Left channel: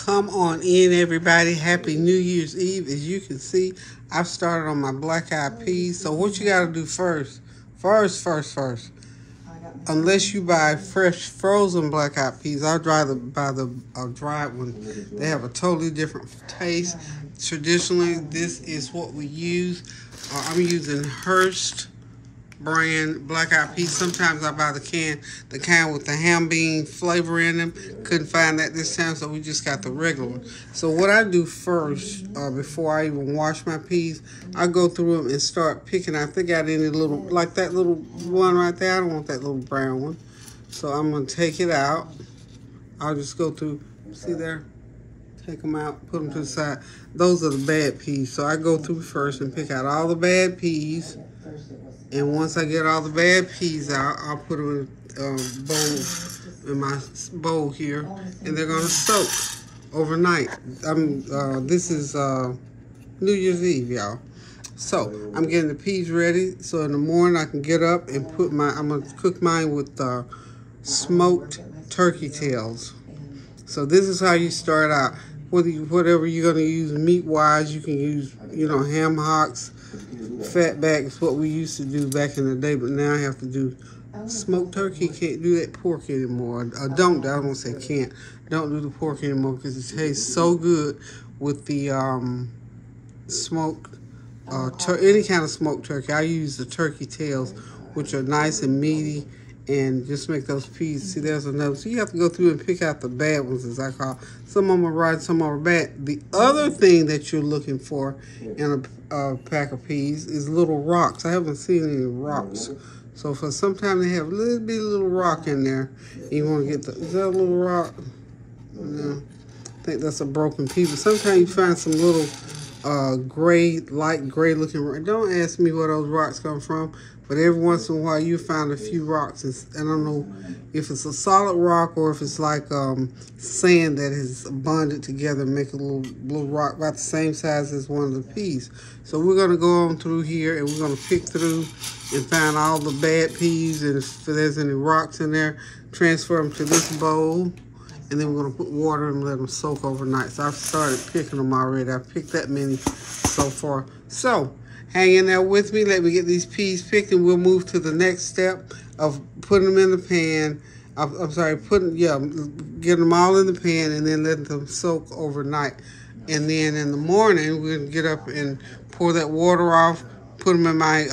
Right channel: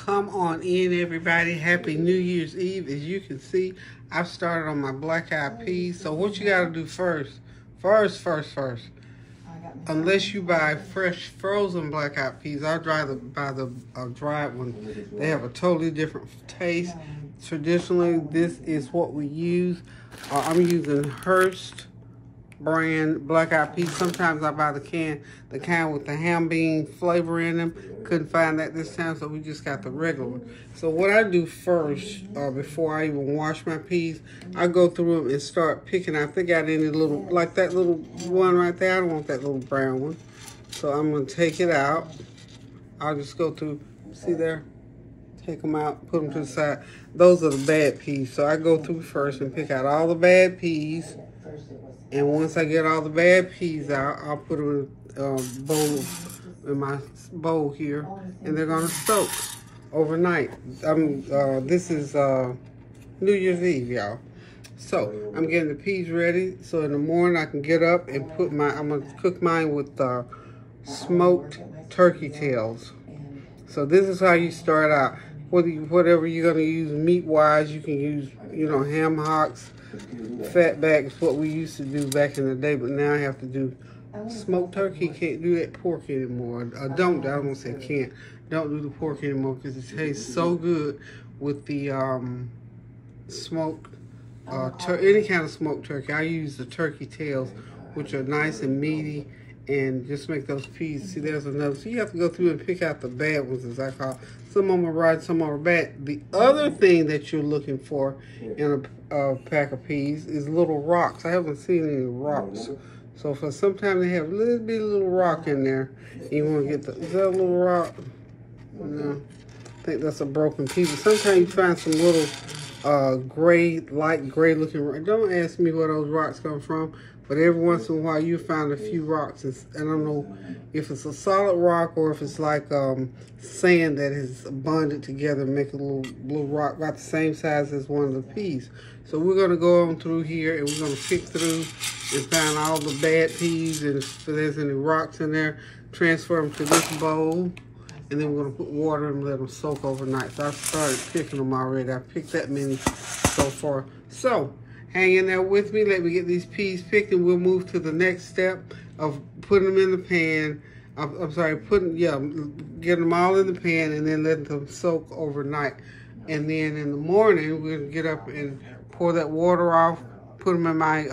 Come on in, everybody. Happy New Year's Eve. As you can see, I've started on my black-eyed peas. So what you got to do first, unless you buy fresh frozen black-eyed peas, I'll buy the dried one. They have a totally different taste. Traditionally, this is what we use. I'm using Hearst brand black-eyed peas. Sometimes I buy the kind with the ham bean flavor in them. Couldn't find that this time, so we just got the regular one. So what I do first, before I even wash my peas, I go through them and start picking. I think I did any little, like that little one right there. I don't want that little brown one. So I'm gonna take it out. I'll just go through, see there? Take them out, put them to the side. Those are the bad peas. So I go through first and pick out all the bad peas. And once I get all the bad peas out, I'll put them in my bowl here, and they're gonna soak overnight. This is New Year's Eve, y'all. So I'm getting the peas ready. So in the morning I can get up and I'm gonna cook mine with smoked turkey tails. So this is how you start out. Whatever you're gonna use meat-wise, you can use, ham hocks. Fatback is what we used to do back in the day, but now I have to do smoked turkey. Can't do that pork anymore. I don't say can't. Don't do the pork anymore because it tastes so good with the smoked any kind of smoked turkey. I use the turkey tails, which are nice and meaty, and just make those peas. See, there's another. So you have to go through and pick out the bad ones, as I call. Some of them are right, some of them are bad. The other thing that you're looking for in a pack of peas is little rocks. I haven't seen any rocks. So for sometimes they have a little rock in there. You want to get is that a little rock? No, I think that's a broken pea. But sometimes you find some little light gray looking rock. Don't ask me where those rocks come from. But every once in a while, you find a few rocks. And I don't know if it's a solid rock or if it's like sand that has bonded together and make a little rock about the same size as one of the peas. So we're going to go on through here and we're going to pick through and find all the bad peas. And if there's any rocks in there, transfer them to this bowl. And then we're going to put water and let them soak overnight. So I've started picking them already. I've picked that many so far. So hang in there with me. Let me get these peas picked, and we'll move to the next step of putting them in the pan. Getting them all in the pan and then letting them soak overnight. And then in the morning, we're gonna get up and pour that water off, put them in my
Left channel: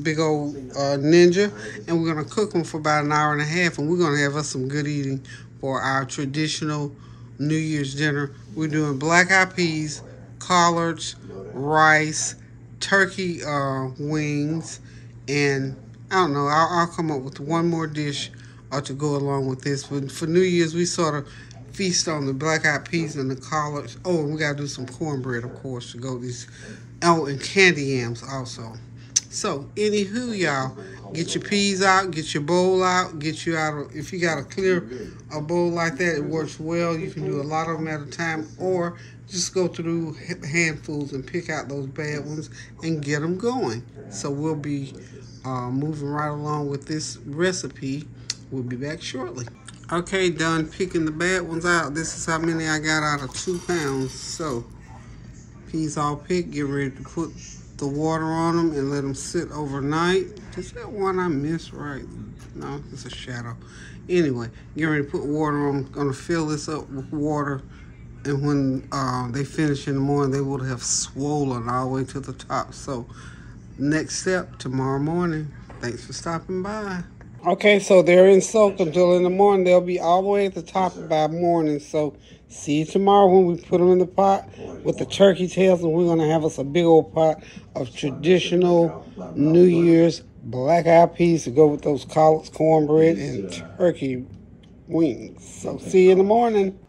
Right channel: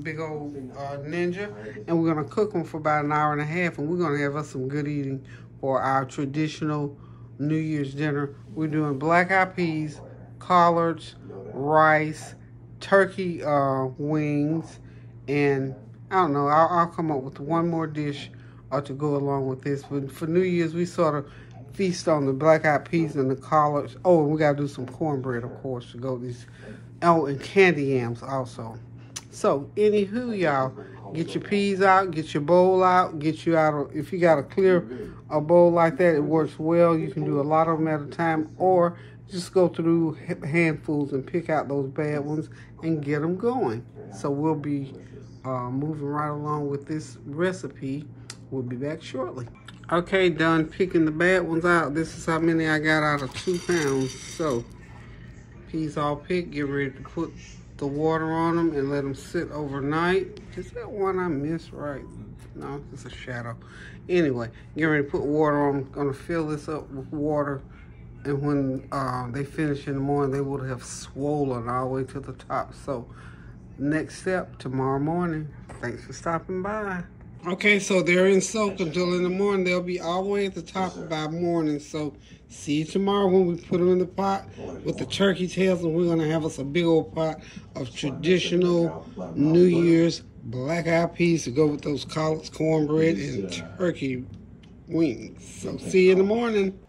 big old Ninja, and we're gonna cook them for about an hour and a half, and we're gonna have us some good eating for our traditional New Year's dinner. We're doing black-eyed peas, collards, rice, turkey wings, and I don't know, I'll come up with one more dish to go along with this. But for New Year's, we sort of feast on the black-eyed peas and the collards. Oh, and we got to do some cornbread, of course, to go with these. Oh, and candy yams also. So, anywho, y'all, get your peas out, get your bowl out, if you got a clear bowl like that, it works well. You can do a lot of them at a time, or just go through handfuls and pick out those bad ones and get them going. So we'll be moving right along with this recipe. We'll be back shortly. Okay, done picking the bad ones out. This is how many I got out of 2 pounds. So peas all picked. Get ready to put the water on them and let them sit overnight. Is that one I missed right? No, it's a shadow. Anyway, get ready to put water on. I'm gonna fill this up with water. And when they finish in the morning, they would have swollen all the way to the top. So next step, tomorrow morning. Thanks for stopping by. Okay, so they're in soak until in the morning. They'll be all the way at the top by morning. So see you tomorrow when we put them in the pot with the turkey tails. And we're going to have us a big old pot of traditional New Year's black-eyed peas to go with those collards, cornbread, and turkey wings. So see you in the morning.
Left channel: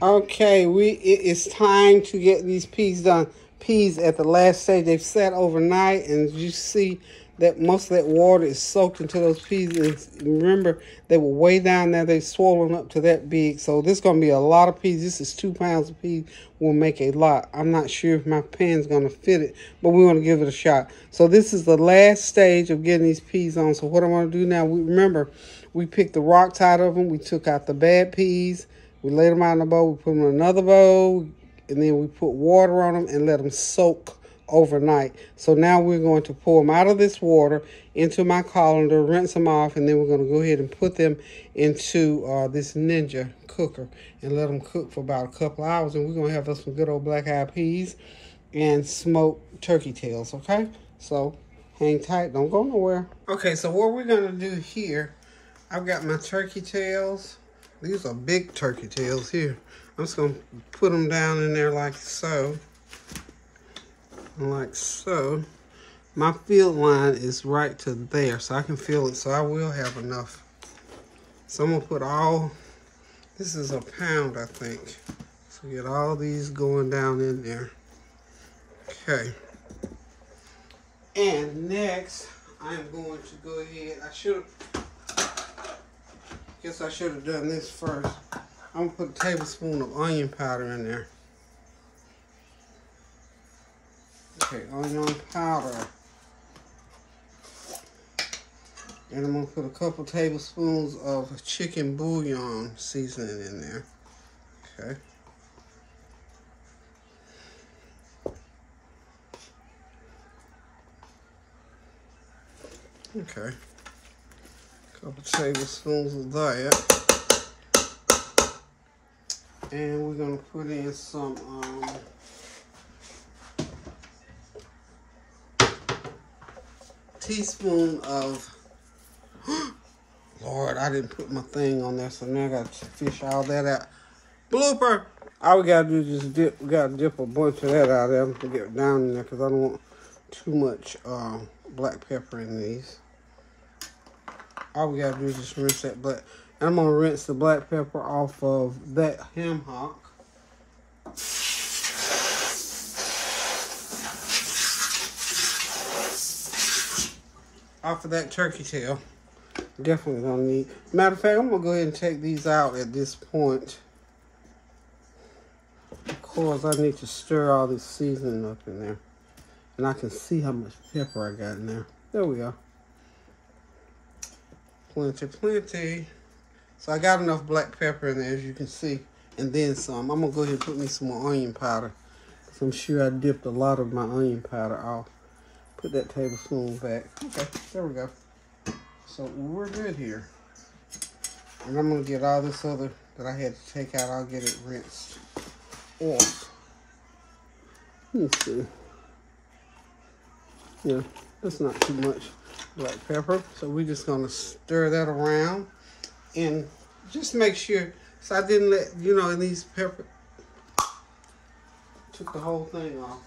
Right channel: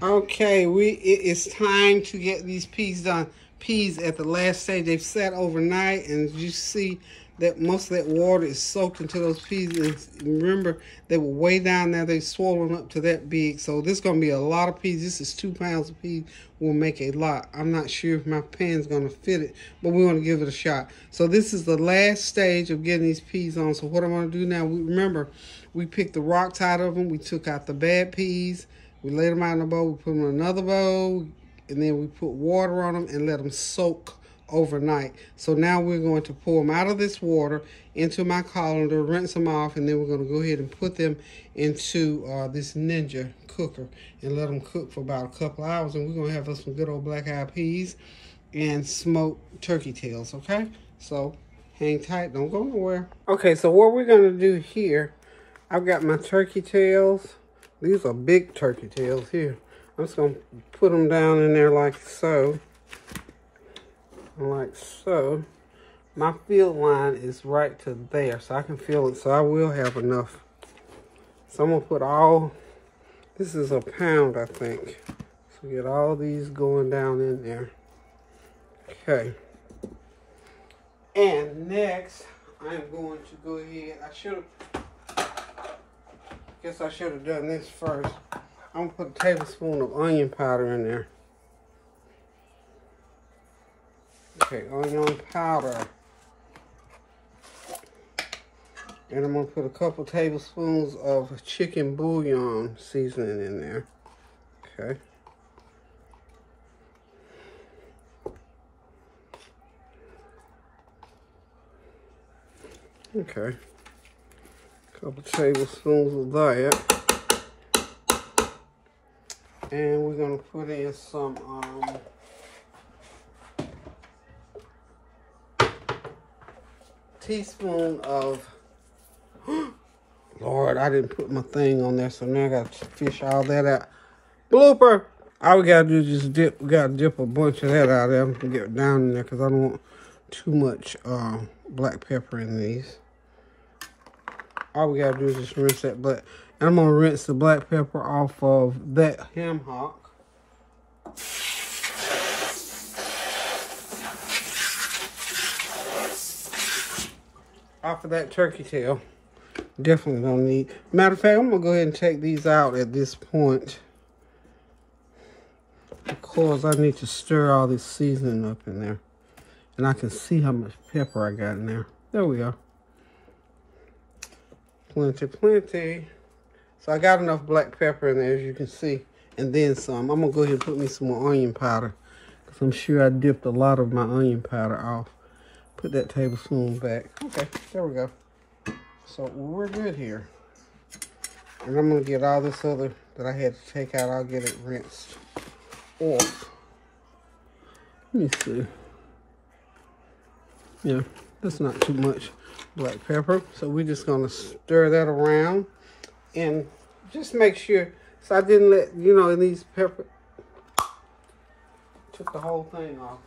Okay, it is time to get these peas done. Peas at the last stage, they've sat overnight, and you see that most of that water is soaked into those peas. And remember, they were way down there. They've swollen up to that big. So this is going to be a lot of peas. This is 2 pounds of peas. We'll make a lot. I'm not sure if my pan's going to fit it, but we're going to give it a shot. So this is the last stage of getting these peas on. So what I'm going to do now, remember, we picked the rocks out of them. We took out the bad peas, We lay them out in a bowl. We put them in another bowl. And then we put water on them and let them soak overnight. So now we're going to pour them out of this water into my colander, rinse them off, and then we're going to go ahead and put them into this Ninja cooker and let them cook for about a couple hours. And we're going to have us some good old black-eyed peas and smoked turkey tails, okay? So hang tight, don't go nowhere. Okay, so what we're going to do here, I've got my turkey tails. These are big turkey tails here. I'm just going to put them down in there like so. Like so. My field line is right to there, so I can feel it, so I will have enough. So I'm going to put all, this is a pound, I think. So get all these going down in there. Okay. And next, I'm going to go ahead, guess I should have done this first. I'm going to put a tablespoon of onion powder in there. Okay, onion powder. And I'm going to put a couple tablespoons of chicken bouillon seasoning in there. Okay. Okay. A couple tablespoons of that. And we're going to put in some teaspoon of, Lord, I didn't put my thing on there, so now I got to fish all that out. Blooper! All we got to do is just dip, we got to dip a bunch of that out of there and get it down in there because I don't want too much black pepper in these. All we got to do is just rinse that black. I'm going to rinse the black pepper off of that ham hock. After that turkey tail, definitely don't need. Matter of fact, I'm going to go ahead and take these out at this point. Of course, I need to stir all this seasoning up in there. And I can see how much pepper I got in there. There we go. Plenty, plenty. So I got enough black pepper in there, as you can see, and then some. I'm going to go ahead and put me some more onion powder, because I'm sure I dipped a lot of my onion powder off. Put that tablespoon back. Okay, there we go. So we're good here. And I'm going to get all this other that I had to take out. I'll get it rinsed off. Let me see. Yeah, that's not too much black pepper. So we're just going to stir that around. And just make sure, so I didn't let, you know, in these pepper, took the whole thing off.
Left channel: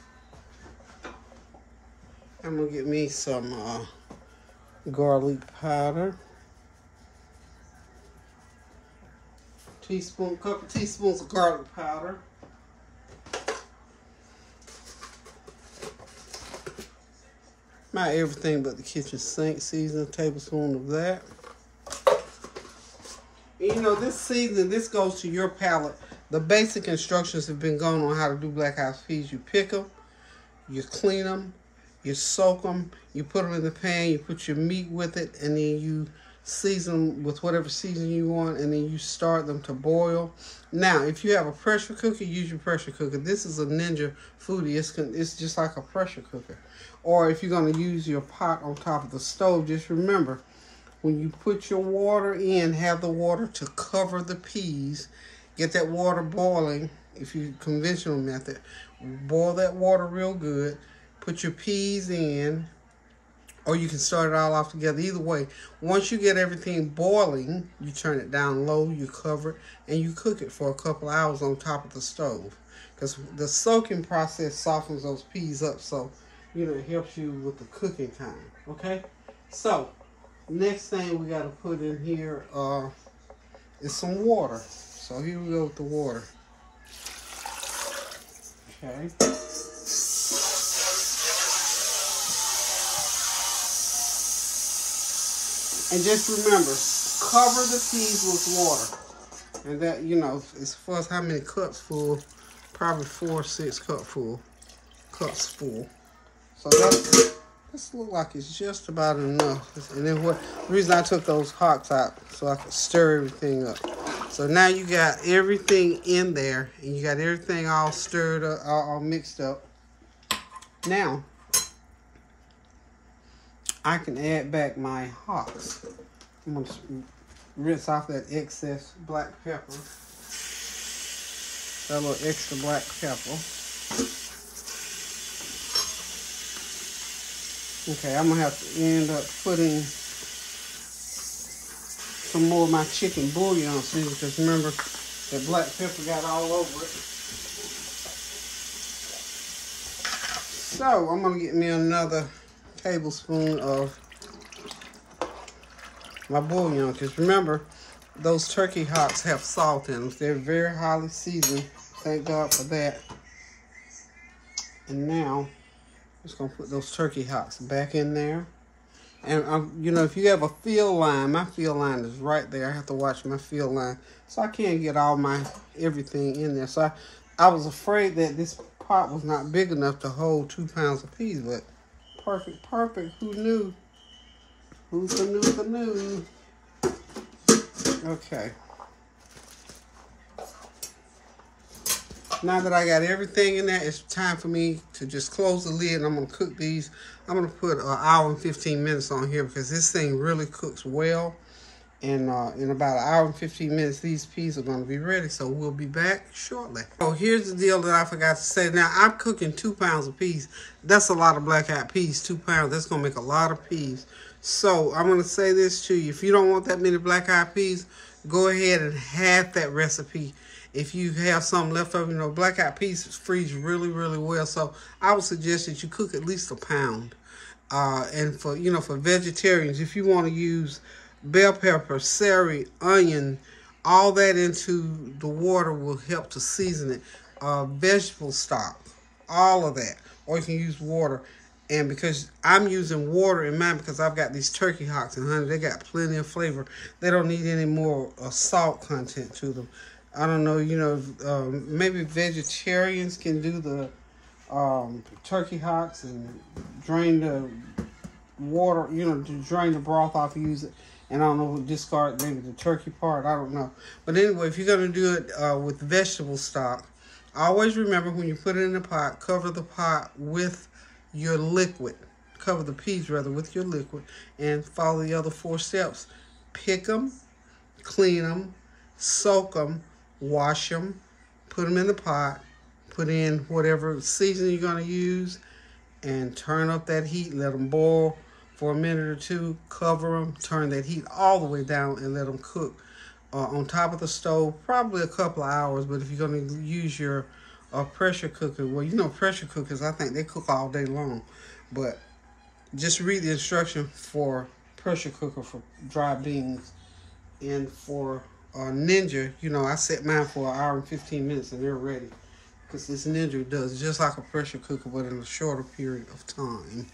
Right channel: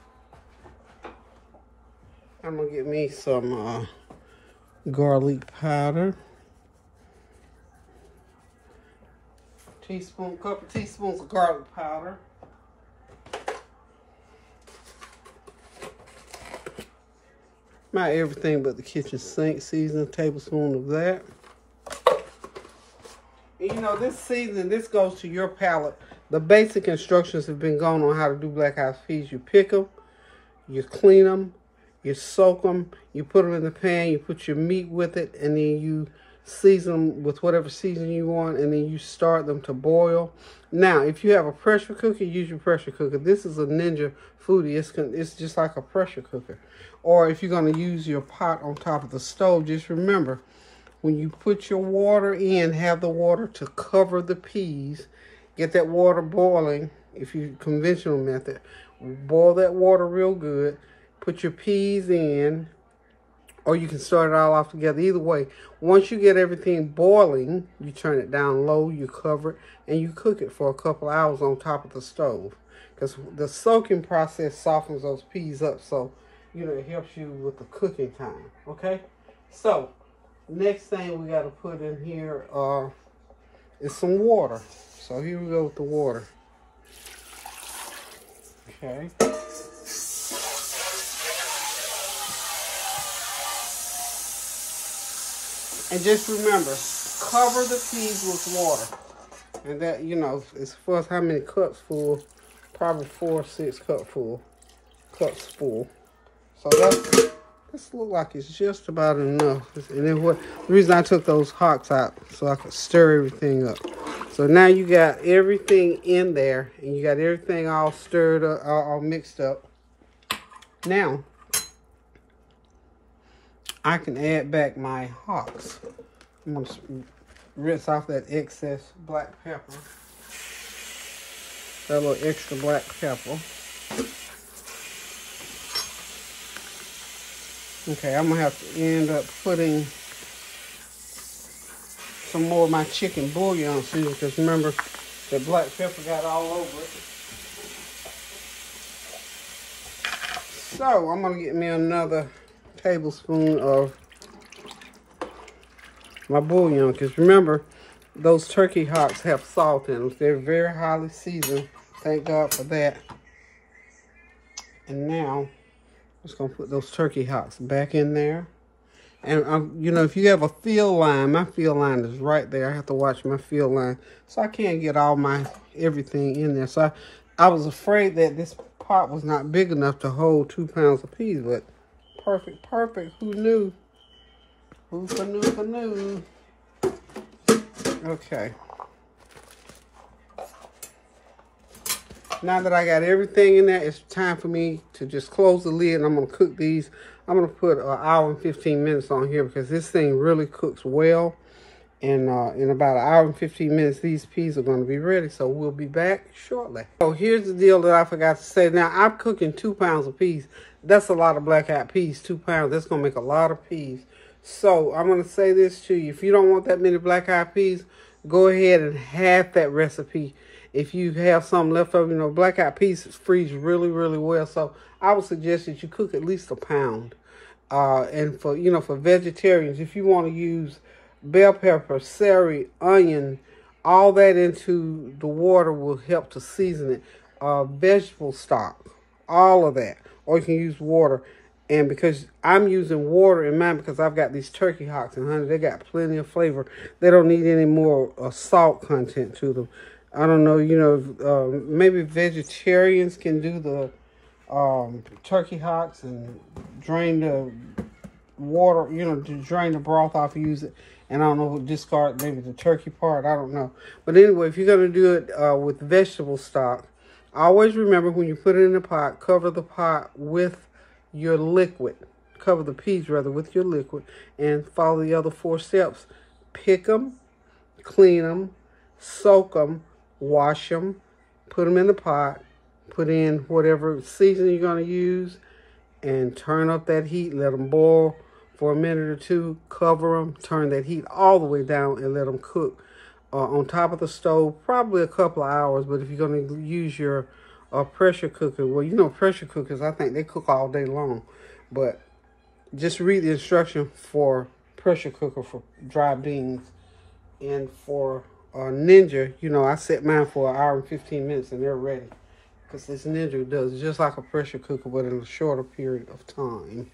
I'm going to get me some garlic powder. Couple teaspoons of garlic powder. Not everything but the kitchen sink seasoning, a tablespoon of that. And you know, this seasoning, this goes to your palate. The basic instructions have been gone on how to do black-eyed peas. You pick them, you clean them, you soak them, you put them in the pan, you put your meat with it, and then you season them with whatever seasoning you want, and then you start them to boil. Now, if you have a pressure cooker, use your pressure cooker. This is a Ninja Foodie. It's just like a pressure cooker. Or if you're going to use your pot on top of the stove, just remember, when you put your water in, have the water to cover the peas. Get that water boiling, if you conventional method. Boil that water real good. Put your peas in, or you can start it all off together. Either way, once you get everything boiling, you turn it down low, you cover it, and you cook it for a couple hours on top of the stove. Because the soaking process softens those peas up, so you know it helps you with the cooking time. Okay? So, next thing we got to put in here is some water. So here we go with the water. Okay. And just remember, cover the peas with water. And that, you know, as far as how many cups full, probably 4 or 6 cups full. So this look like it's just about enough. And then the reason I took those hocks out, so I could stir everything up. So now you got everything in there, and you got everything all stirred up, all mixed up. Now, I can add back my hocks. I'm going to rinse off that excess black pepper. That little extra black pepper. Okay, I'm going to have to end up putting some more of my chicken bouillon in, because remember, the black pepper got all over it. So, I'm going to get me another tablespoon of my bouillon, because remember, those turkey hocks have salt in them. They're very highly seasoned. Thank God for that. And now, I'm just going to put those turkey hocks back in there. And, you know, if you have a field line, my field line is right there. I have to watch my field line, so I can't get all my everything in there. So I was afraid that this pot was not big enough to hold 2 pounds of peas, but perfect. Who knew? Who knew? Okay. Now that I got everything in there, it's time for me to just close the lid, and I'm going to cook these. I'm going to put an hour and 15 minutes on here, because this thing really cooks well. And in about an hour and 15 minutes, these peas are going to be ready. So we'll be back shortly. So here's the deal that I forgot to say. Now, I'm cooking 2 pounds of peas. That's a lot of black-eyed peas, 2 pounds. That's going to make a lot of peas. So I'm going to say this to you. If you don't want that many black-eyed peas, go ahead and half that recipe. If you have some left over, you know, black-eyed peas freeze really, really well. So I would suggest that you cook at least 1 pound. And for, you know, for vegetarians, if you want to use bell pepper, celery, onion, all that into the water will help to season it. Vegetable stock, all of that. Or you can use water. And because I'm using water in mine, because I've got these turkey hocks, and honey, they got plenty of flavor. They don't need any more salt content to them. I don't know, you know, maybe vegetarians can do the turkey hocks and drain the water, you know, to drain the broth off and use it. And I don't know, discard maybe the turkey part, I don't know. But anyway, if you're going to do it with vegetable stock, always remember when you put it in the pot, cover the pot with your liquid. Cover the peas, rather, with your liquid. And follow the other 4 steps. Pick them, clean them, soak them, wash them, put them in the pot, put in whatever seasoning you're going to use, and turn up that heat. Let them boil for a minute or 2. Cover them, turn that heat all the way down, and let them cook on top of the stove, probably a couple of hours. But if you're going to use your pressure cooker, well, you know, pressure cookers, I think they cook all day long. But just read the instruction for pressure cooker for dry beans. And for Ninja, you know, I set mine for 1 hour and 15 minutes, and they're ready. Because this Ninja does just like a pressure cooker, but in a shorter period of time.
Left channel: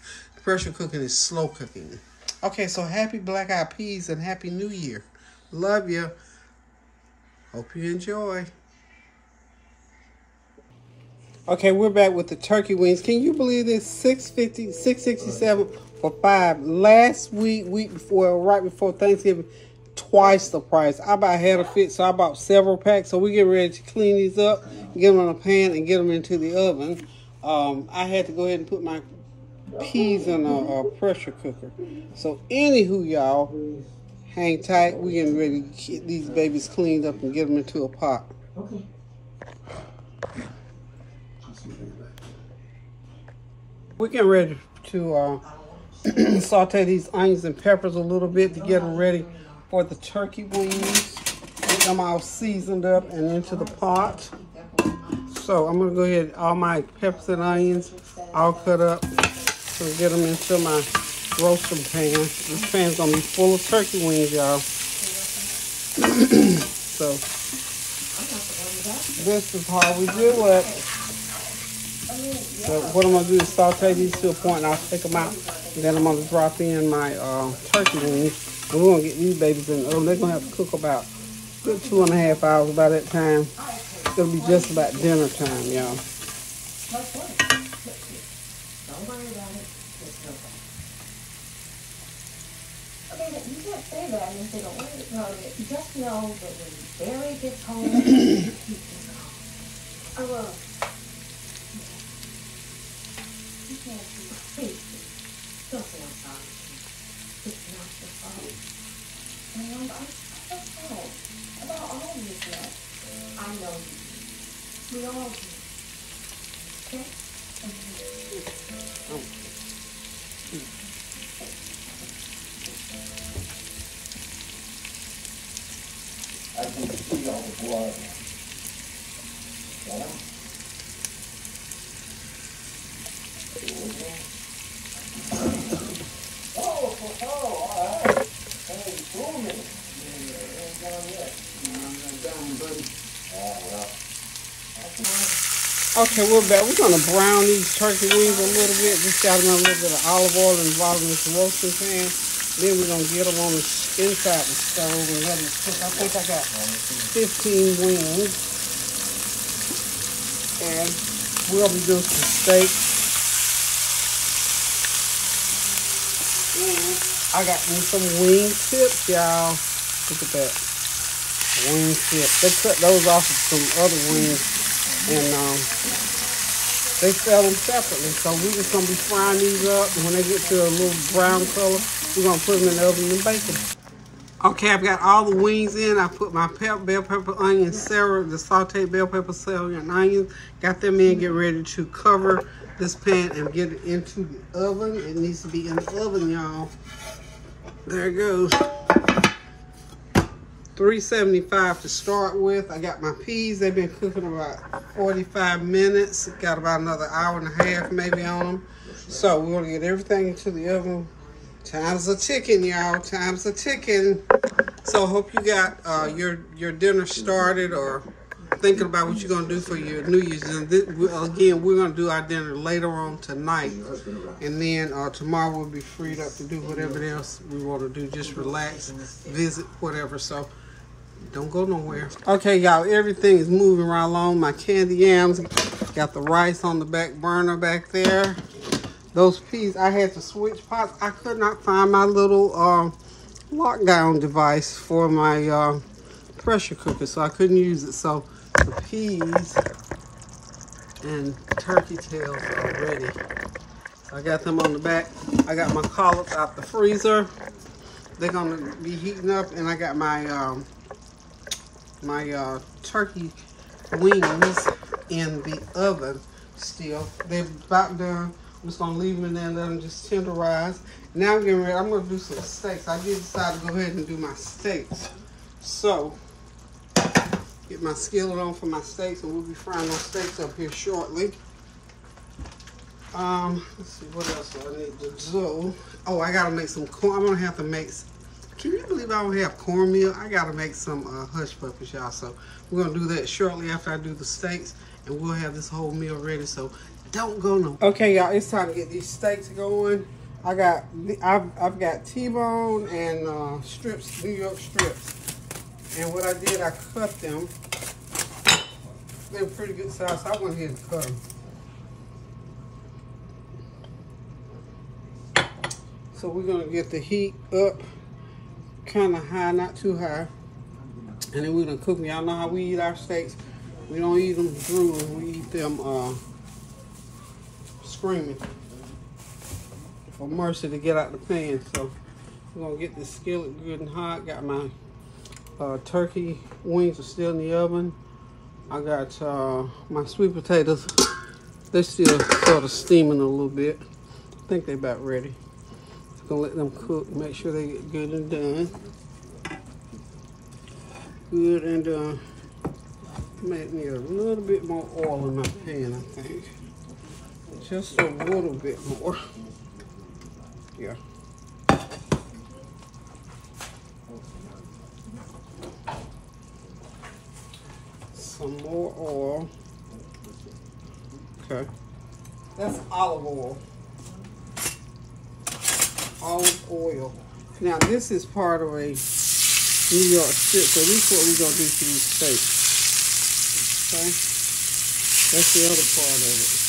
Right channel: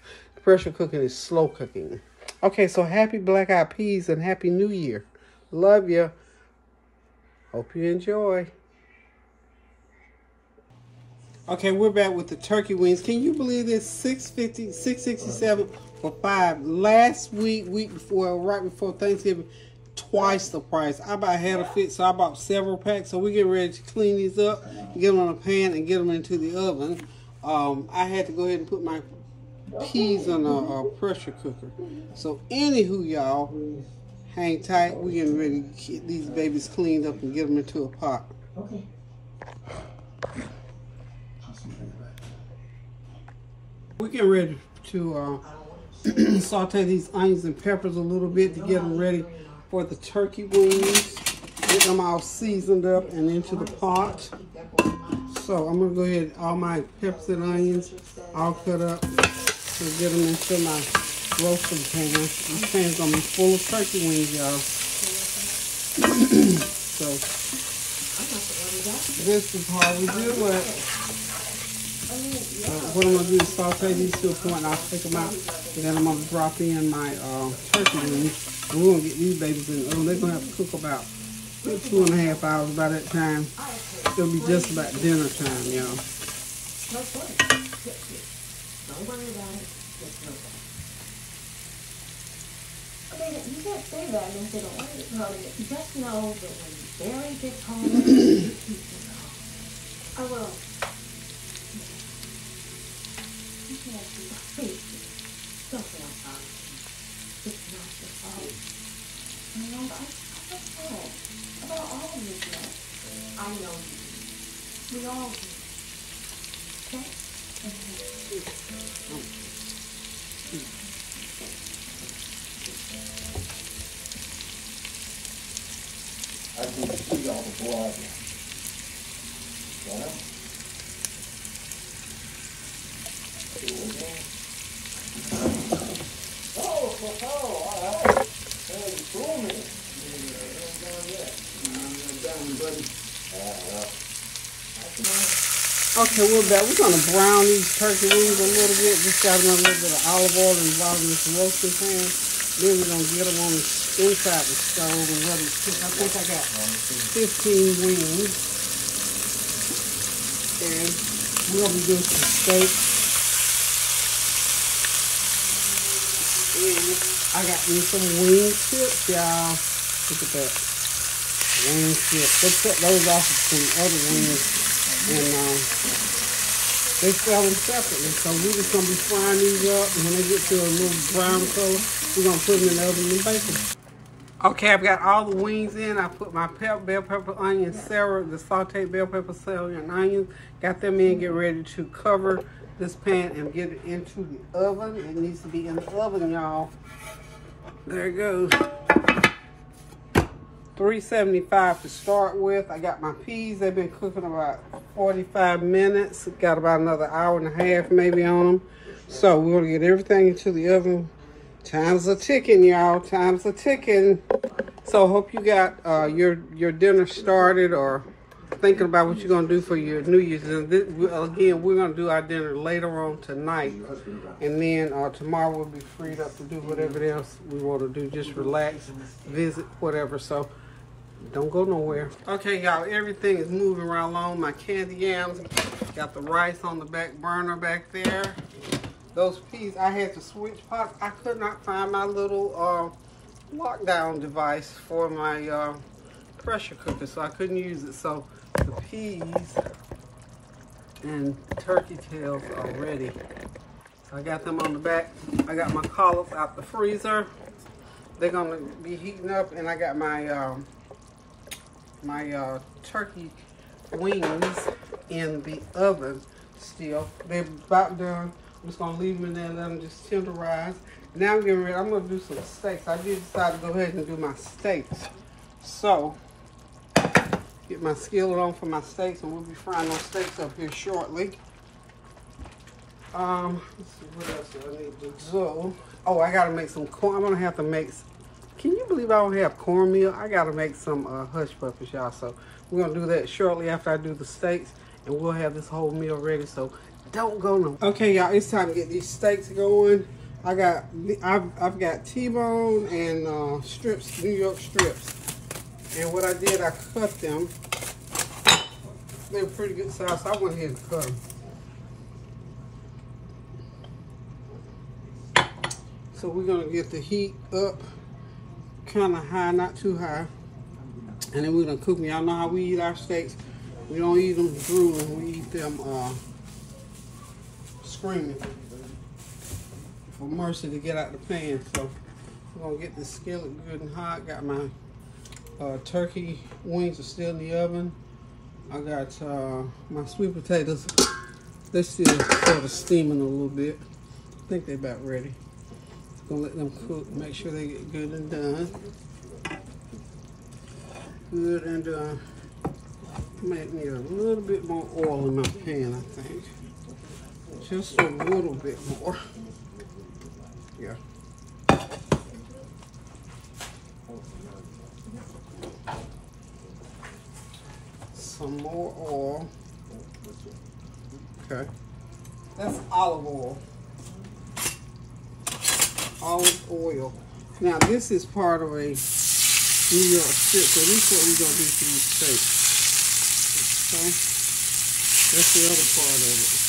Pressure cooking is slow cooking. Okay, so happy black-eyed peas and happy New Year. Love you. Hope you enjoy. Okay, we're back with the turkey wings. Can you believe this? $6.50, $6.67 for 5. Last week before, right before Thanksgiving, twice the price. I about had a fit, so I bought several packs. So we get ready to clean these up, get them in a pan, and get them into the oven. I had to go ahead and put my peas in a pressure cooker. So anywho, y'all, hang tight. We're getting ready to get these babies cleaned up and get them into a pot. Okay. We're getting ready to saute these onions and peppers a little bit to get them ready for the turkey wings. Get them all seasoned up and into the pot. So I'm going to go ahead, all my peppers and onions all cut up. So get them into my roasting pan. This pan's going to be full of turkey wings, y'all. So this is how we do it. So what I'm going to do is saute these to a point, and I'll take them out. And then I'm going to drop in my turkey wings. And we're going to get these babies in. Oh, they're going to have to cook about 2.5 hours by that time. It'll be just about dinner time, y'all. say that, and they don't want it. No, just know that when Barry gets home, you keep him calm. I will. You can't be crazy. Don't feel sorry. It's not your fault. And I'm sorry about all of this mess. I know you. We all do. Okay? I can see all the blood. Got him? Oh, all right. Hey, you fooled me. Ain't done yet. I'm done, buddy. Okay, we're back. We're going to brown these turkey wings a little bit. Just got them a little bit of olive oil involved in this roasting pan. Then we're going to get them on the inside the stove and let it cook. I think I got 15 wings. And we'll be doing some steak. And I got me some wing tips, y'all. Look at that. Wing tips. They cut those off of some other wings. And they sell them separately. So we're just going to be frying these up. And when they get to a little brown color, we're going to put them in the oven and bake them. Okay, I've got all the wings in. I put my bell pepper, onion, celery, the sauteed bell pepper, celery, and onions. Got them in. Get ready to cover this pan and get it into the oven. It needs to be in the oven, y'all. There it goes. 375 to start with. I got my peas. They've been cooking about 45 minutes. Got about another hour and a half maybe on them. So we're going to get everything into the oven. Time's a ticking, y'all. Time's a ticking. So hope you got your dinner started or thinking about what you're going to do for your New Year's. And again, we're going to do our dinner later on tonight. And then tomorrow we'll be freed up to do whatever else we want to do. Just relax, visit, whatever. So don't go nowhere. Okay, y'all, everything is moving right along. My candy yams, got the rice on the back burner back there. Those peas, I had to switch pots. I could not find my little lockdown device for my pressure cooker, so I couldn't use it. So the peas and turkey tails are ready. So I got them on the back. I got my collards out the freezer. They're gonna be heating up, and I got my my turkey wings in the oven still. They're about done. I'm just gonna leave them in there and let them just tenderize. Now I'm getting ready. I'm gonna do some steaks. I did decide to go ahead and do my steaks. So get my skillet on for my steaks, and we'll be frying those steaks up here shortly. Let's see, what else do I need to do? Oh, I gotta make some corn. I'm gonna have to make. Can you believe I don't have cornmeal? I gotta make some hush puppies, y'all. So we're gonna do that shortly after I do the steaks, and we'll have this whole meal ready. So don't go no. Okay, y'all, it's time to get these steaks going. I've got T-bone and strips, New York strips. And what I did, I cut them. They were pretty good size, so I went ahead and cut them. So we're gonna get the heat up kind of high, not too high. And then we're gonna cook them. Y'all know how we eat our steaks. We don't eat them drooling, we eat them screaming for mercy to get out the pan. So we're gonna get this skillet good and hot. Got my turkey wings are still in the oven. I got my sweet potatoes. They're still sort of steaming a little bit. I think they're about ready. Just gonna let them cook, make sure they get good and done. Good and done. Might need a little bit more oil in my pan, I think. Just a little bit more. Yeah. Some more oil. Okay. That's olive oil. Olive oil. Now this is part of a New York strip, so this is what we're gonna do to these steaks. Okay. That's the other part of it.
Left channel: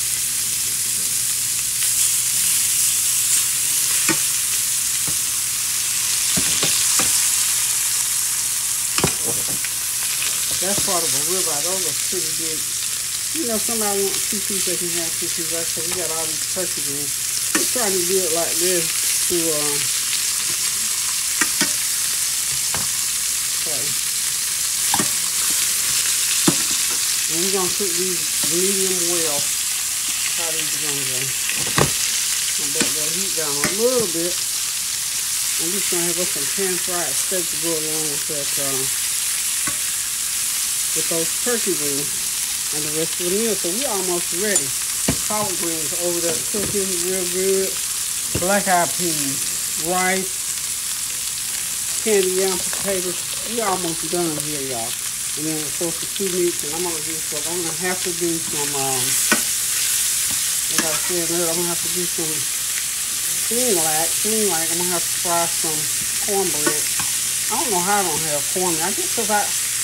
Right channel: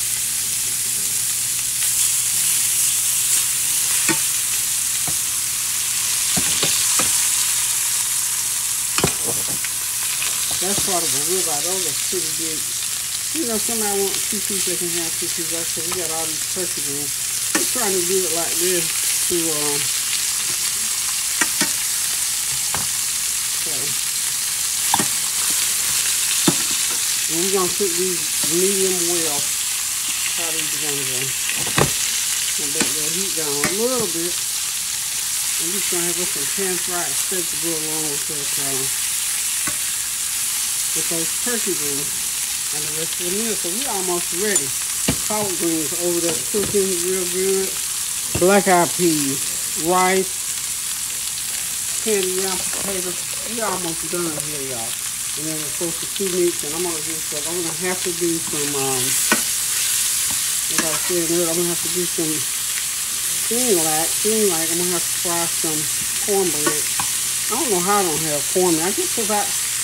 That's part of the ribeye. Those are pretty big. You know, somebody wants 2 pieces, they can have 2 pieces. Like I said, we got all these turkey wings. We're trying to do it like this to, and we're going to cook these medium well. How these are going to go. I'm going to heat down a little bit. I'm just going to have us some pan-fried steak to go along with that, with those turkey wings and the rest of the meal. So we're almost ready. Collard greens over there cooking real good. Black-eyed peas, rice, candy yam potatoes. We're almost done here, y'all. And then of course the 2 meats, and I'm gonna do some. I'm gonna have to do some. Like I said earlier, I'm gonna have to do some Green-like. I'm gonna have to fry some cornbread. I don't know how I don't have cornbread. I guess because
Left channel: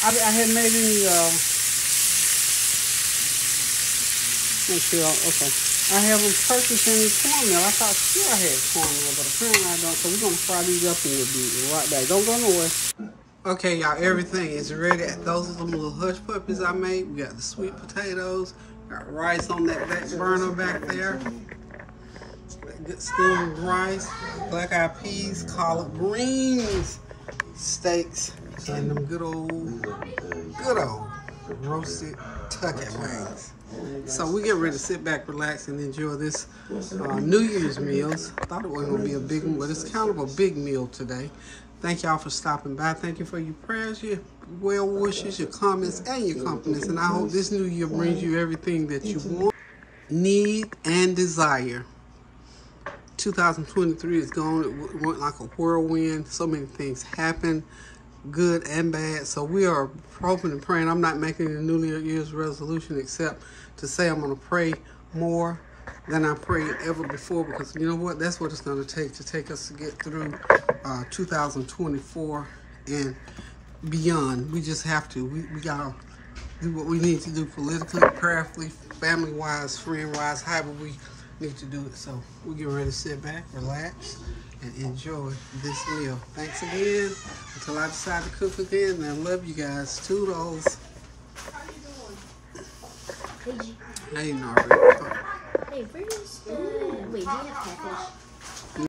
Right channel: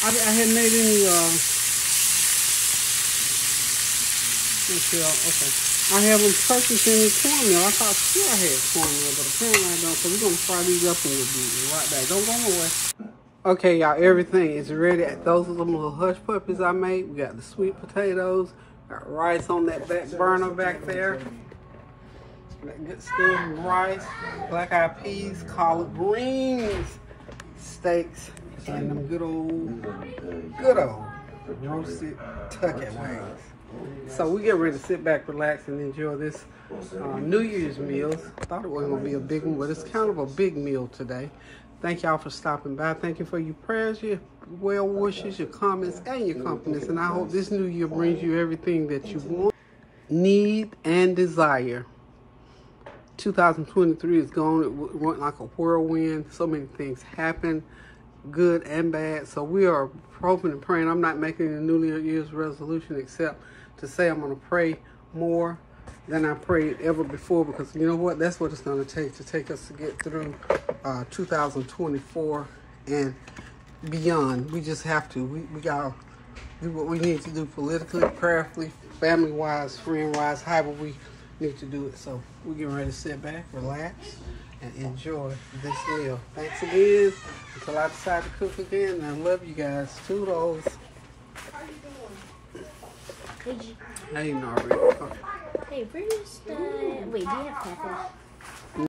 I hadn't made any, okay. I haven't purchased any cornmeal. I thought sure I had cornmeal, but apparently I don't. So we're gonna fry these up and we'll be right back. Don't go nowhere. Okay, y'all, everything is ready. Those are the little hush puppies I made. We got the sweet potatoes, got rice on that back burner back there. That good steamed rice, black-eyed peas, collard greens, steaks, and them good old roasted turkey wings. So we get ready to sit back, relax, and enjoy this New Year's meals. I thought it wasn't going to be a big one, but it's kind of a big meal today. Thank y'all for stopping by. Thank you for your prayers, your well wishes, your comments, and your compliments. And I hope this new year brings you everything that you want, need, and desire. 2023 is gone. It went like a whirlwind. So many things happened, good and bad. So we are hoping and praying. I'm not making a New Year's resolution except to say I'm going to pray more than I prayed ever before, because you know what? That's what it's going to take us to get through 2024 and beyond. We just have to. We got to do what we need to do politically, prayerfully, family-wise, friend-wise, however we need to do it. So we're getting ready to sit back, relax, and enjoy this meal. Thanks again. Until I decide to cook again, I love you guys. Toodles. How you doing? Hey, Nari. Hey, where's the... Wait, do you have catfish?